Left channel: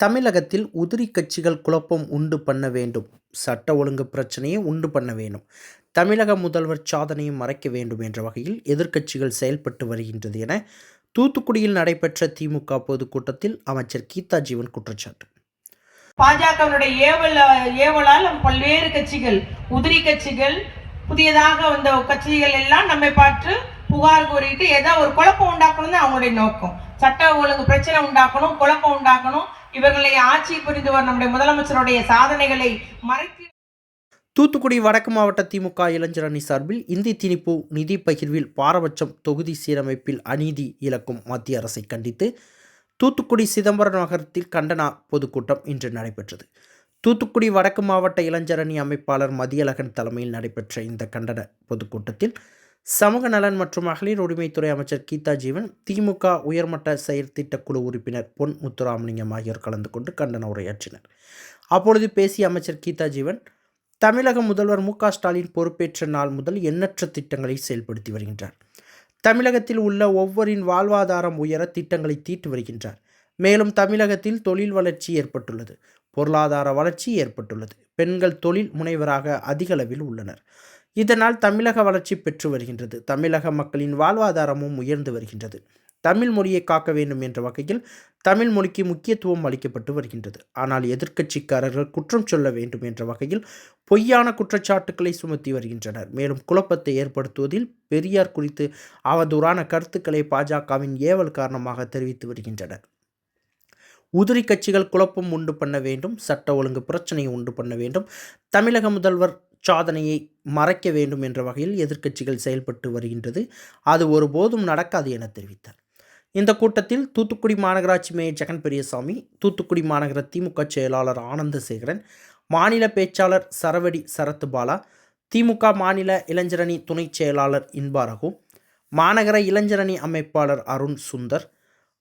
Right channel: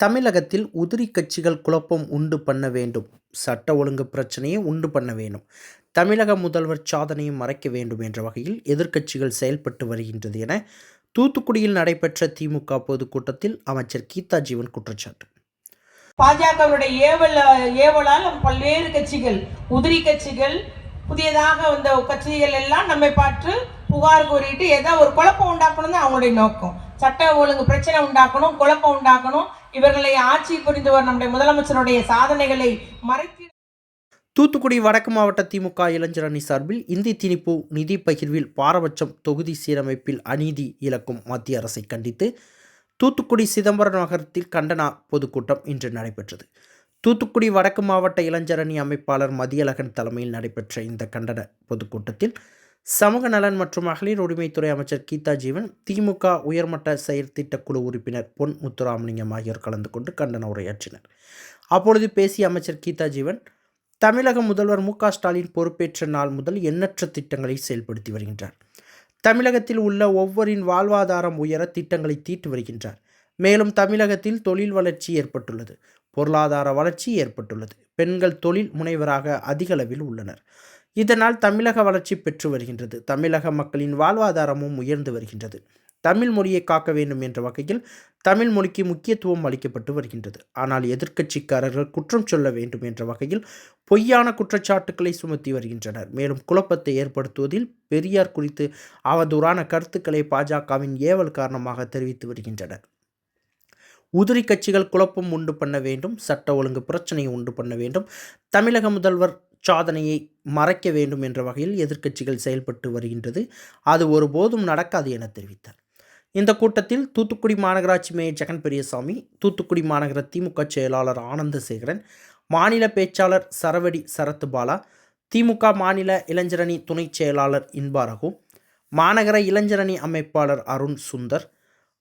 தமிழகத்தில் உதிரி கட்சிகள் குழப்பம் உண்டு பண்ண வேண்டும். சட்ட ஒழுங்கு பிரச்சனையை உண்டு பண்ண வேண்டும். தமிழக முதல்வர் சாதனையை மறைக்க வேண்டும் என்ற வகையில் எதிர்க்கட்சிகள் செயல்பட்டு வருகின்றது என தூத்துக்குடியில் நடைபெற்ற திமுக பொதுக்கூட்டத்தில் அமைச்சர் கீதா ஜீவன் குற்றச்சாட்டு. பாஜகவினுடைய ஏவல் ஏவலால் பல்வேறு கட்சிகள் உதிரி கட்சிகள் புதியதாக வந்த கட்சிகள் எல்லாம் நம்மை பார்த்து புகார் கூறிட்டு ஏதோ ஒரு குழப்பம் உண்டாக்கணும் தான் அவங்களுடைய நோக்கம். சட்ட ஒழுங்கு பிரச்சனை உண்டாக்கணும் குழப்பம் உண்டாக்கணும் இவர்களை ஆட்சி புரிந்தவர் நம்முடைய முதலமைச்சருடைய சாதனைகளை மறைத்து தூத்துக்குடி வடக்கு மாவட்ட திமுக இளைஞர் அணி சார்பில் இந்தி திணிப்பு நிதி பகிர்வில் பாரபட்சம் தொகுதி சீரமைப்பில் அநீதி இழக்கும் மத்திய அரசை கண்டித்து தூத்துக்குடி சிதம்பரம் நகரத்தில் கண்டன பொதுக்கூட்டம் இன்று நடைபெற்றது. தூத்துக்குடி வடக்கு மாவட்ட இளைஞர் அணி அமைப்பாளர் மதியழகன் தலைமையில் நடைபெற்ற இந்த கண்டன பொதுக்கூட்டத்தில் சமூக நலன் மற்றும் மகளிர் உரிமைத்துறை அமைச்சர் கீதா ஜீவன் திமுக உயர்மட்ட செயற்திட்ட குழு உறுப்பினர் பொன் முத்துராமலிங்கம் ஆகியோர் கலந்து கொண்டு கண்டன உரையாற்றினர். அப்பொழுது பேசிய அமைச்சர் கீதா ஜீவன் தமிழக முதல்வர் மு ஸ்டாலின் பொறுப்பேற்ற நாள் முதல் எண்ணற்ற திட்டங்களை செயல்படுத்தி வருகின்றார். தமிழகத்தில் உள்ள ஒவ்வொரின் வாழ்வாதாரம் உயர திட்டங்களை தீட்டு வருகின்றார். மேலும் தமிழகத்தில் தொழில் வளர்ச்சி ஏற்பட்டுள்ளது பொருளாதார வளர்ச்சி ஏற்பட்டுள்ளது. பெண்கள் தொழில் முனைவராக அதிகளவில் உள்ளனர். இதனால் தமிழக வளர்ச்சி பெற்று வருகின்றது. தமிழக மக்களின் வாழ்வாதாரமும் உயர்ந்து வருகின்றது. தமிழ் மொழியை காக்க வேண்டும் என்ற வகையில் தமிழ் மொழிக்கு முக்கியத்துவம் அளிக்கப்பட்டு வருகின்றது. ஆனால் எதிர்க்கட்சிக்காரர்கள் குற்றம் சொல்ல வேண்டும் என்ற வகையில் பொய்யான குற்றச்சாட்டுக்களை சுமத்தி வருகின்றனர். மேலும் குழப்பத்தை ஏற்படுத்துவதில் பெரியார் குறித்து அவதூறான கருத்துக்களை பாஜகவின் ஏவல் காரணமாக தெரிவித்து வருகின்றனர். உதிரி கட்சிகள் குழப்பம் உண்டு பண்ண வேண்டும். சட்ட ஒழுங்கு பிரச்சனையை உண்டு பண்ண வேண்டும். தமிழக முதல்வர் சாதனையை மறைக்க வேண்டும் என்ற வகையில் எதிர்க்கட்சிகள் செயல்பட்டு வருகின்றது. அது ஒருபோதும் நடக்காது என தெரிவித்தார். இந்த கூட்டத்தில் தூத்துக்குடி மாநகராட்சி மேயர் ஜெகன் பெரியசாமி தூத்துக்குடி மாநகர திமுக செயலாளர் ஆனந்தசேகரன் மாநில பேச்சாளர் சரவடி சரத்துபாலா திமுக மாநில இளைஞரணி துணைச் செயலாளர் இன்பாரகு மாநகர இளைஞரணி அமைப்பாளர் அருண் சுந்தர்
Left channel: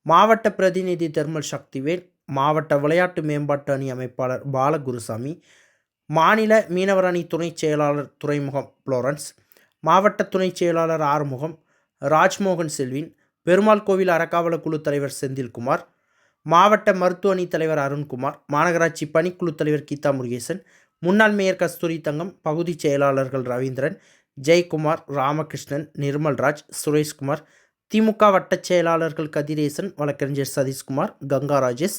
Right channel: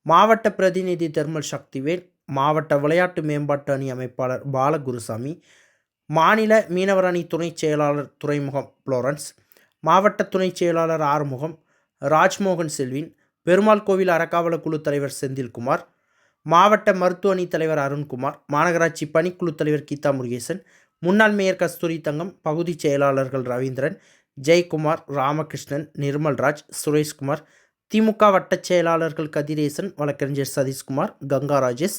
மாவட்ட பிரதிநிதி தெர்மல் சக்திவேல் மாவட்ட விளையாட்டு மேம்பாட்டு அணி அமைப்பாளர் பாலகுருசாமி மாநில மீனவர் அணி துணைச் செயலாளர் துறைமுகம் புளோரன்ஸ் மாவட்ட துணைச் செயலாளர் ஆறுமுகம் ராஜ்மோகன் செல்வின் பெருமாள் கோவில் அறக்காவல குழு தலைவர் செந்தில்குமார் மாவட்ட மருத்துவ அணி தலைவர் அருண்குமார் மாநகராட்சி பணிக்குழு தலைவர் கீதா முருகேசன் முன்னாள் மேயர் கஸ்தூரி தங்கம் பகுதி செயலாளர்கள் ரவீந்திரன் ஜெயக்குமார் ராமகிருஷ்ணன் நிர்மல்ராஜ் சுரேஷ்குமார் திமுக வட்டச் செயலாளர்கள் கதிரேசன் வழக்கறிஞர் சதீஷ்குமார் கங்கா ராஜேஷ்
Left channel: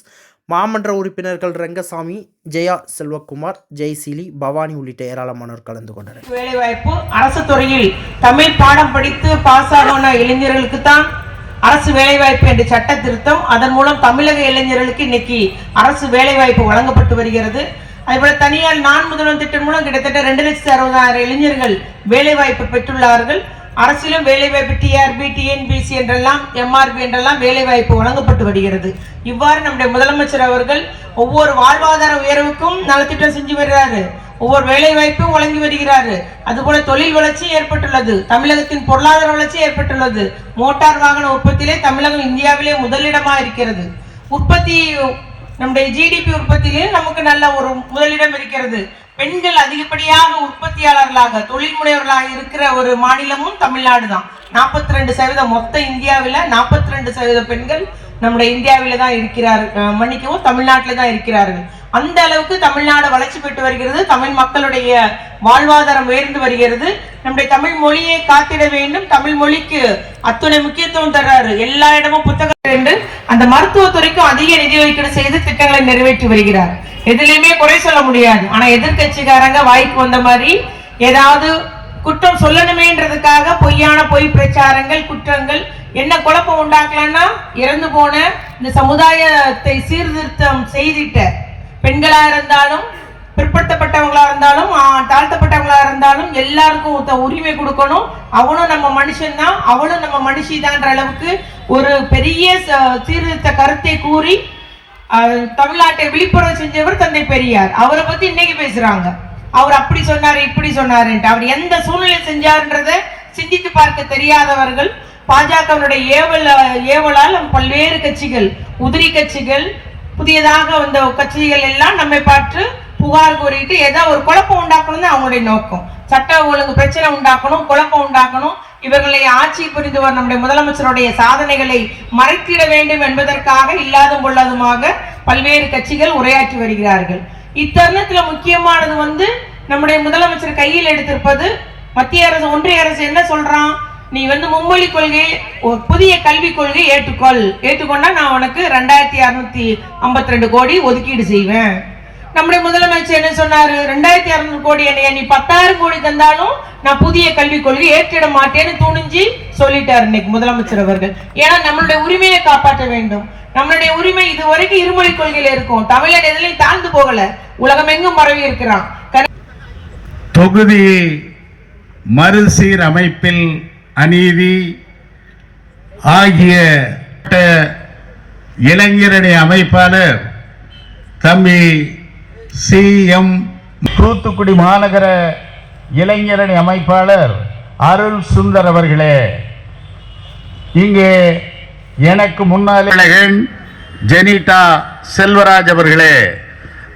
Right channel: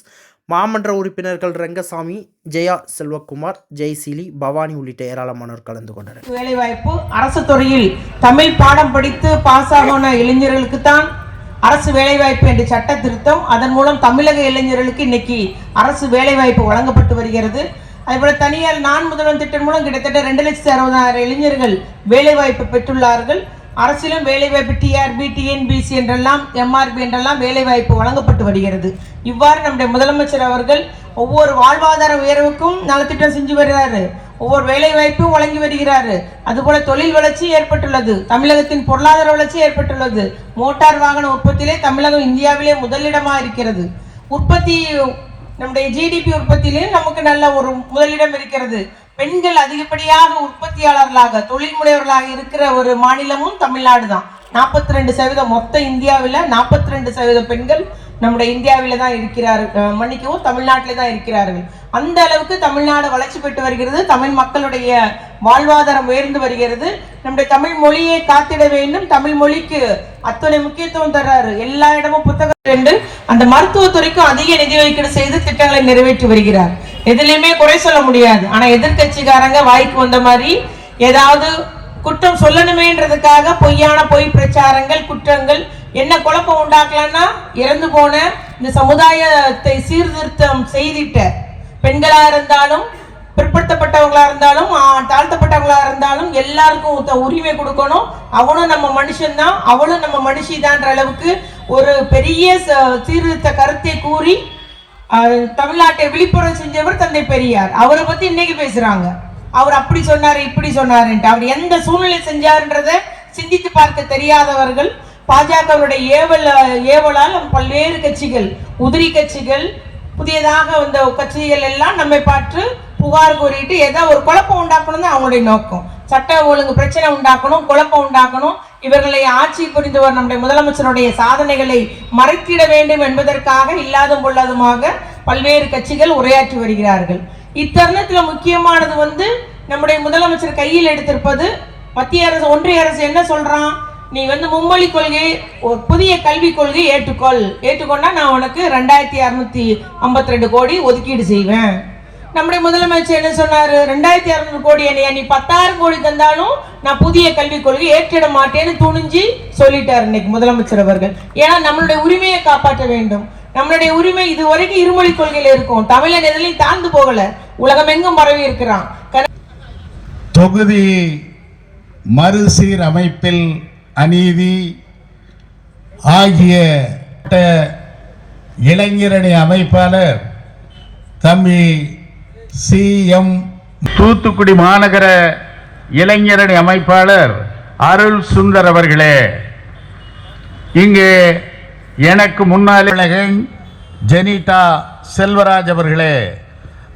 மாமன்ற உறுப்பினர்கள் ரங்கசாமி ஜெயா செல்வகுமார் ஜெய்சீலி பவானி உள்ளிட்ட ஏராளமானோர் கலந்து கொண்டனர். வேலைவாய்ப்பு அரசு துறையில் தமிழ் பாடம் படித்து பாஸ் ஆகின இளைஞர்களுக்கு தான் அரசு வேலைவாய்ப்பு என்ற சட்ட திருத்தம். அதன் மூலம் தமிழக இளைஞர்களுக்கு இன்னைக்கு அரசு வேலைவாய்ப்பு வழங்கப்பட்டு வருகிறது. அதுபோல தனியார் நான் முதல்வன் திட்டம் மூலம் கிட்டத்தட்ட ரெண்டு லட்சத்தி அறுபதாயிரம் இளைஞர்கள் வேலைவாய்ப்பு பெற்றுள்ளார்கள். அரசிலும் வேலைவாய்ப்பு டிஆர்பி டிஎன்பிசி என்றெல்லாம் எம்ஆர்பி என்றெல்லாம் வேலைவாய்ப்பு வழங்கப்பட்டு வருகிறது. இவ்வாறு நம்முடைய முதலமைச்சர் அவர்கள் ஒவ்வொரு வாழ்வாதார உயர்வுக்கும் நலத்திட்டம் செஞ்சு வருகிறாரு. ஒவ்வொரு வேலை வாய்ப்பும் வழங்கி வருகிறாரு. அதுபோல தொழில் வளர்ச்சி ஏற்பட்டுள்ளது. தமிழகத்தின் பொருளாதார வளர்ச்சி ஏற்பட்டுள்ளது. மோட்டார் வாகன உற்பத்தியிலே தமிழகம் இந்தியாவிலே முதலிடமாக இருக்கிறது. உற்பத்தி நம்முடைய ஜிடிபி உற்பத்தியிலே நமக்கு நல்ல ஒரு முதலிடம் இருக்கிறது. பெண்கள் அதிகப்படியாக உற்பத்தியாளர்களாக தொழில் முனைவர்களாக இருக்கிற ஒரு மாநிலமும் தமிழ்நாடு தான் நாற்பத்தி ரெண்டு சதவீதம் மொத்த இந்தியாவில் நாற்பத்தி ரெண்டு சதவீத பெண்கள் நம்முடைய இந்தியாவில தான் இருக்கிறார்கள் மன்னிக்கவும் தமிழ்நாட்டில் தான் இருக்கிறார்கள். அந்த அளவுக்கு தமிழ்நாடு வளர்ச்சி பெற்று வருகிறது தமிழ் மக்களுடைய வாழ்வாதாரம் உயர்ந்து வருகிறது. நம்முடைய தமிழ் மொழியை காத்திட வேண்டும் தமிழ் மொழிக்கு அத்துணை முக்கியத்துவம் தர்றாரு. எல்லா இடமும் புத்தகம் என்று அந்த மருத்துவத்துறைக்கும் அதிக நிதி ஒதுக்கீடு செய்து திட்டங்களை நிறைவேற்றி வருகிறார். எதுலையுமே குறை சொல்ல முடியாது. ஆனா எதிர்கட்சிக்காரங்க வாய்க்கு வந்த மாதிரி ஏதாவது குற்றம் சொல்லணுமேன்றதுக்காக பொய்யான பொய் பிரச்சாரங்கள் குற்றங்கள் என்ன குழப்பம் உண்டாக்கலாம்னா இறந்து போன இந்த சமுதாயத்தை சீர்திருத்தம் செய்திட்ட பெண்களா இருந்தாலும் பிற்படுத்தப்பட்டவங்களா இருந்தாலும் தாழ்த்தப்பட்டவங்களா இருந்தாலும் எல்லாருக்கும் உரிமை கொடுக்கணும். அவனும் நம்ம மனுஷன் தான் அவளும் நம்ம மனுஷிதான்ற அளவுக்கு ஒரு பெரிய சீர்திருத்த கருத்தை கூறி தமிழ்நாட்டை விழிப்புணர்வு செஞ்சவர் தந்தை பெரியார். அவரை பத்தி இன்னைக்கு பேசுறாங்க. அவர் அப்படி சொன்னார் இப்படி சொன்னாருன்ட்டு. அவர் எந்த சூழ்நிலை செஞ்சார்ன்றத சிந்தித்து பார்க்க தெரியாதவர்கள் பாஜகவுடைய ஏவல் ஏவலால் பல்வேறு கட்சிகள் உதிரி கட்சிகள் புதியதாக வந்த கட்சிகள் எல்லாம் நம்மை பார்த்து புகார் கூறிட்டு ஏதோ ஒரு குழப்பம் உண்டாக்கணும்னு அவங்களுடைய நோக்கம். சட்ட ஒழுங்கு பிரச்சனை உண்டாக்கணும் குழப்பம் உண்டாக்கணும் இவர்களை ஆட்சி புரிந்தவர் வரும் நம்முடைய முதலமைச்சருடைய சாதனைகளை மறைத்திட வேண்டும் என்பதற்காக இல்லாதும் பொல்லாதுமாக பல்வேறு கட்சிகள் உரையாற்றி வருகிறார்கள். இத்தருணத்துல முக்கியமானது வந்து நம்முடைய முதலமைச்சர் கையில் எடுத்திருப்பது மத்திய அரசு ஒன்றிய அரசு என்ன சொல்றான்? நீ வந்து மும்மொழி கொள்கை ஒரு புதிய கல்விக் கொள்கை ஏற்றுக்கொள். ஏற்றுக்கொண்டா நான் உனக்கு ரெண்டாயிரத்தி அறுநூத்தி ஐம்பத்தி ரெண்டு கோடி ஒதுக்கீடு செய்வேன். நம்முடைய முதலமைச்சர் என்ன சொன்னாரு? ரெண்டாயிரத்தி அறுநூறு கோடி என்னைய நீ பத்தாயிரம் கோடி தந்தாலும் நான் புதிய கல்விக் கொள்கை ஏற்றிட மாட்டேன்னு துணிஞ்சு சொல்லிட்டாரு இன்னைக்கு முதலமைச்சர் அவர்கள். ஏன்னா நம்மளுடைய உரிமையை காப்பாற்ற வேண்டும். நம்மளுடைய உரிமை இதுவரைக்கும் இருமொழி கொள்கையில இருக்கும். தமிழன் எதிலையும் தாழ்ந்து போகல. உலகம் எங்கும் பரவி இருக்கிறான். தொகுதி மறுசீரமைப்பில் அநீதி ஆகிய இளைஞரணி அமைப்பாளர் தம்பி சி எம் தூத்துக்குடி மாநகர இளைஞரணி அமைப்பாளர் அருள் சுந்தர் அவர்களே இங்கே எனக்கு முன்னாள் ஜெனிதா செல்வராஜ் அவர்களே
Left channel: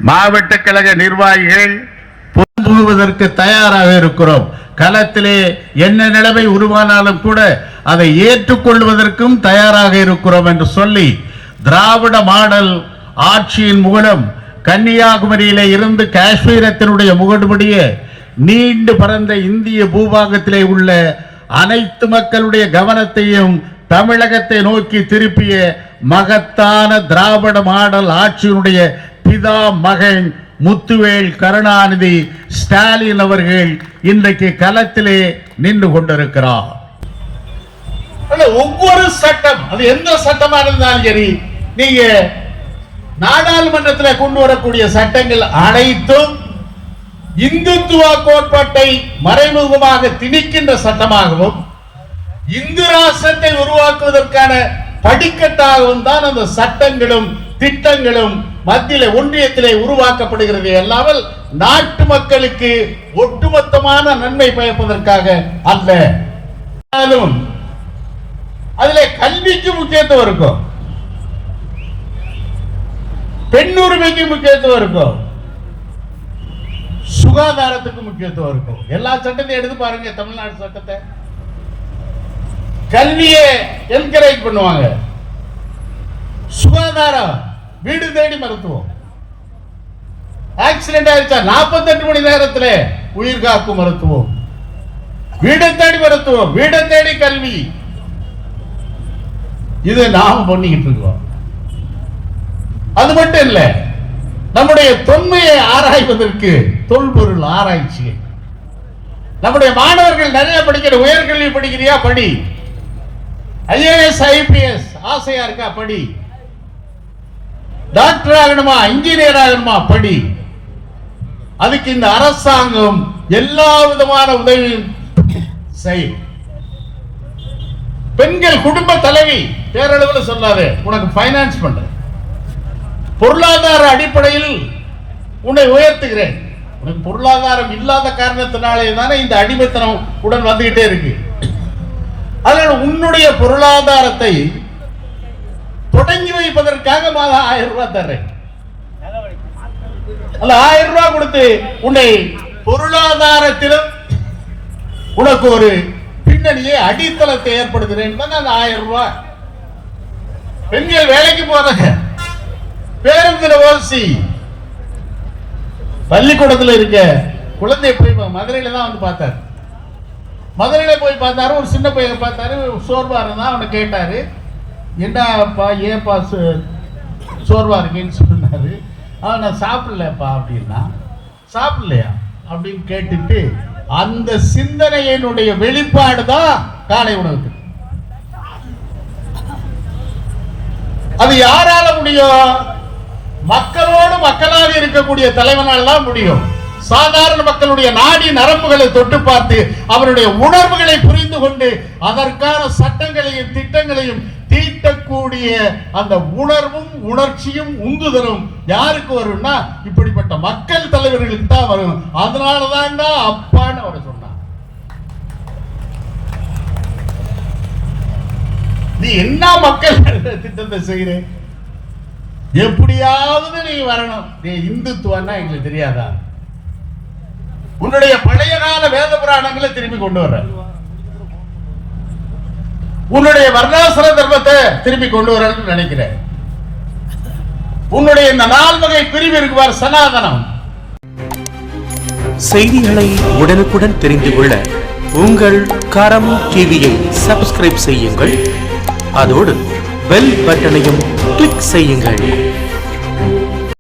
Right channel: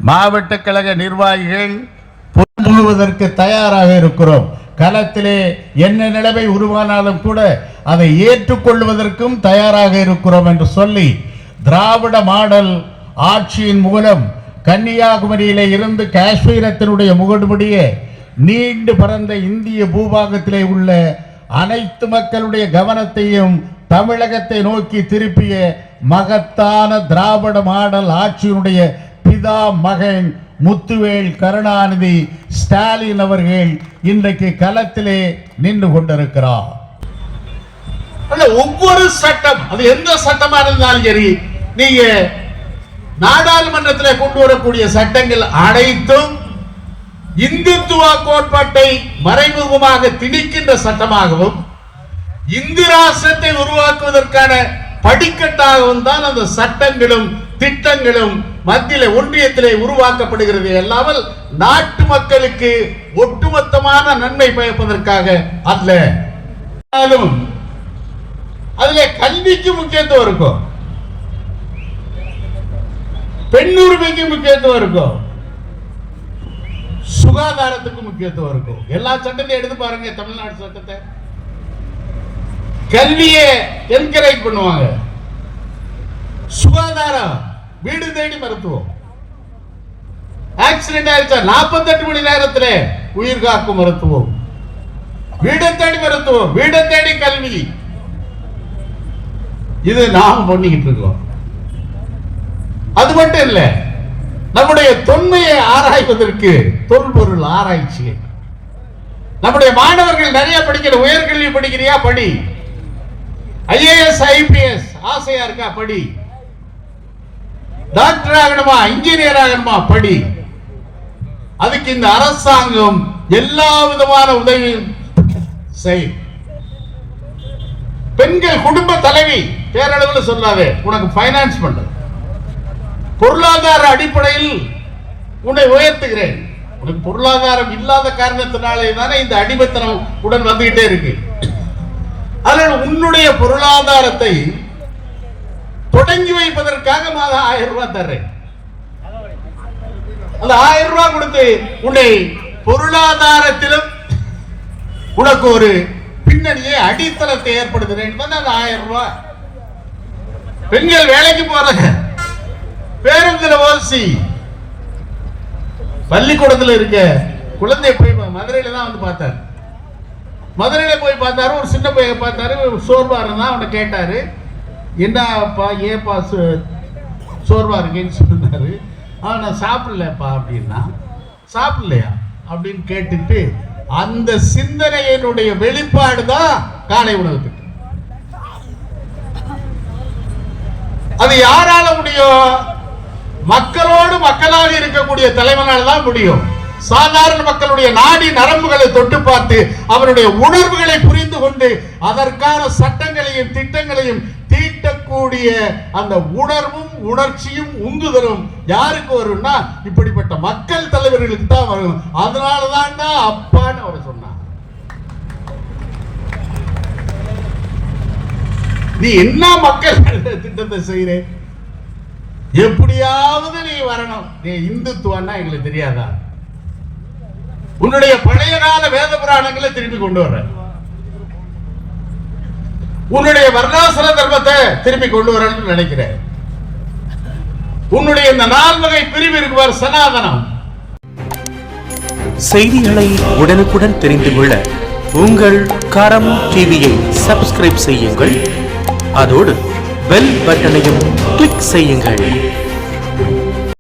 மாவட்ட கழக நிர்வாகிகள் போகுவதற்கு தயாராக இருக்கிறோம். களத்திலே என்ன நிலைமை உருவானாலும் கூட அதை ஏற்றுக்கொள்வதற்கும் தயாராக இருக்கிறோம் என்று சொல்லி திராவிட மாடல் ஆட்சியின் மூலம் கன்னியாகுமரியில இருந்து காஷ்மீரத்தினுடைய முகடுபடியே நீண்டு பறந்த இந்திய பூபாகத்திலே உள்ள அனைத்து மக்களுடைய கவனத்தையும் தமிழகத்தை நோக்கி திருப்பிய மகத்தான திராவிட மாடல் ஆட்சியினுடைய பிதா மகன் முத்துவேல் கருணாநிதி ஸ்டாலின் அவர்கள் இன்றைக்கு களத்திலே நின்று கொண்டிருக்கிறார். ஒவ்வொரு சட்டம் அது எந்த சட்டமா இருந்தாலும் சரி நீங்க நாடாளுமன்றத்தில் கொண்டு வரக்கூடிய சட்டங்கள் அனைத்தும் இந்துத்துவ கோட்பாட்டை மறைமுகமாக திணிக்கின்ற சட்டமாகவும் இந்து ராஷ்டிரத்தை உருவாக்குவதற்கான படிக்கட்டாகவும் தான் அந்த சட்டங்களும் திட்டங்களும் மத்தியில ஒன்றியத்திலே உருவாக்கப்படுகிறது. அல்லாமல் நாட்டு மக்களுக்கு ஒட்டுமொத்தமான நன்மை பயப்பதற்காக அல்ல. அதுல கல்விக்கு முக்கியத்துவம் இருக்கும். பெண்ணுரிமைக்கு முக்கியத்துவம் இருக்கும். சுகாதாரத்துக்கு முக்கியத்துவம் இருக்கும். எல்லா சட்டத்தையும் எடுத்து பாருங்க தமிழ்நாடு சட்டத்தை. கல்வியை என்கரேஜ் பண்ணுவாங்க. சுகாதாரம் வீடு தேடி மருத்துவம். ஆக்சிடென்ட் ஆயிடுச்சா நாற்பத்தெட்டு மணி நேரத்துல உயிர் காக்கும் மருத்துவம். வீடை தேடி மருத்துவம் வீடை தேடி கல்வி. இது நாம பண்ணிக்கிட்டு இருக்கோம். அது மட்டும் இல்ல நம்முடைய தொன்மையை ஆராய்வதற்கு தொல்பொருள் ஆராய்ச்சி நம்முடைய மாணவர்கள் நிறைய படிக்கிற உயர்கல்வி படிக்கிறியா? படி. ஐஏஎஸ் ஐபிஎஸ் ஆசையா இருக்கா? படி. டாக்டர் ஆகணுமா? இன்ஜினியர் ஆகணுமா? படி. அதுக்கு இந்த அரசாங்கம் எல்லா விதமான உதவியும் செய்யும் பெண்கள் குடும்ப தலைவி பேரளவில் சொல்லாதே உனக்கு ஃபைனான்ஸ் பண்றது. பொருளாதார அடிப்படையில் உன்னை உயர்த்துகிறேன். உனக்கு பொருளாதாரம் இல்லாத காரணத்தினாலே தானே இந்த அடிமைத்தனம் உடன் வந்துகிட்டே இருக்கு. அதனால உன்னுடைய பொருளாதாரத்தை தொடங்கி வைப்பதற்காக மாதம் ஆயிரம் ரூபாய் தர்றேன். அந்த ஆயிரம் ரூபாய் கொடுத்து உன்னை பொருளாதாரத்திலும் உனக்கு ஒரு பின்னணியை அடித்தளத்தை ஏற்படுத்துகிறேன் அந்த ஆயிரம் ரூபாய். பெண்கள் வேலைக்கு போறாங்க. பேருந்துல ஓசி. பள்ளிக்கூடத்துல இருக்க குழந்தை போய் மதுரையில தான் வந்து பார்த்தாரு. மதுரையில போய் பார்த்தாரு ஒரு சின்ன பையன் பார்த்தாரு சோர்வா இருந்தா அவனை கேட்டாரு. என்னப்பா ஏப்பா சோர்வா இருக்கேன்னு சொன்னாரு. அவன் நான் சாப்பிடலப்பா அப்படின்னா சாப்பிடலையா அப்படின்னு கேட்டுட்டு அந்த சிந்தனையினுடைய வெளிப்பாடு தான் காலை உணவுக்கு. அது யாரால முடியும்? மக்களோடு மக்களாக இருக்கக்கூடிய தலைவனால் தான் முடியும். சாதாரண மக்களுடைய நாடி நரம்புகளை தொட்டு பார்த்து அவருடைய உணர்வுகளை புரிந்து கொண்டு அதற்கான சட்டங்களையும் திட்டங்களையும் தீட்டக்கூடிய அந்த உணர்வும் உணர்ச்சியும் உந்துதலும் யாருக்கு வரும்னா இப்படிப்பட்ட மக்கள் தலைவர்களுக்கு தான் வரும். அதனால தான்டா அப்பான்னு அவர் சொன்னார். நீ என்ன மக்கள் திட்டத்தை செய்கிறேன் எப்படியாவது நீ வரணும். நீ இந்துத்துவன்னா எங்களுக்கு தெரியாதா? உன்னுடைய பழைய கால வேத புராணங்களை திரும்பி கொண்டு வர உன்னுடைய வர்ணாசிர தர்மத்தை திரும்பி கொண்டு வரணும்னு நினைக்கிறேன் உன்னுடைய இந்த நால்வகை பிரிவிற்கு சனாதனம். செய்திகளை உடனுக்குடன் தெரிந்து கொள்ள உங்கள் கரம் டிவியை சப்ஸ்கிரைப் செய்யுங்கள். அதோடு பெல் பட்டனையும் கிளிக் செய்யுங்கள்.